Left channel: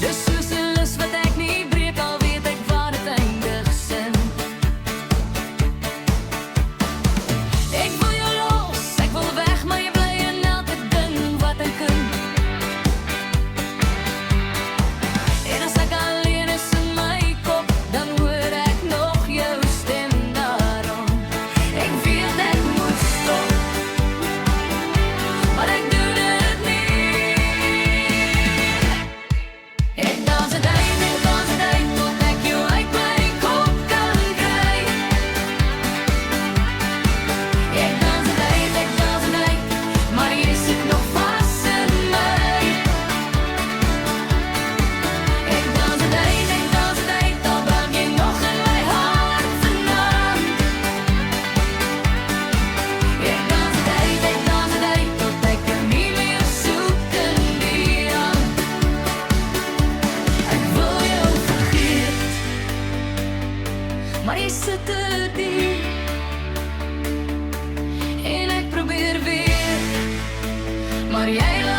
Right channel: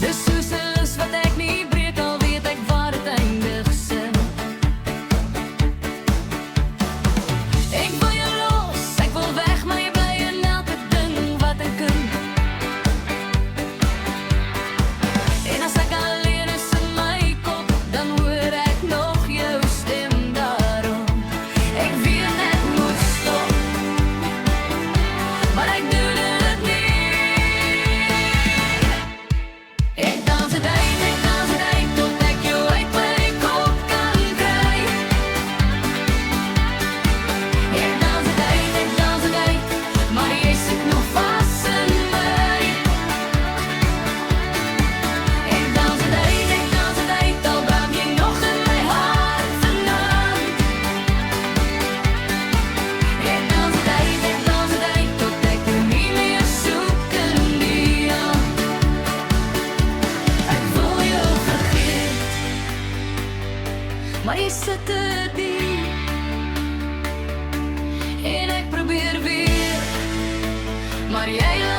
De soos wat ek nie breek, al weet ek waar het eindig sin. Ek wil jou los, ek wil weg, maar jy bly in elke ding wat ek kan. En as ek alleen is in my kop, dan hoor ek nog jou stem daarom. Ek weet net moet stop, maar ek doen dit nie. Ek dans het uit tot ek jou uit my kop kan kry. Ek dans het uit, maar jy sit nog vas in my. Ek dans het uit, al brand jy nog in my hart vanaand. Ek dans het uit, tot ek jou nie meer soek in die aand. Ek wil jou vergeet, maar jy sit te diep. En ek probeer weer, maar jy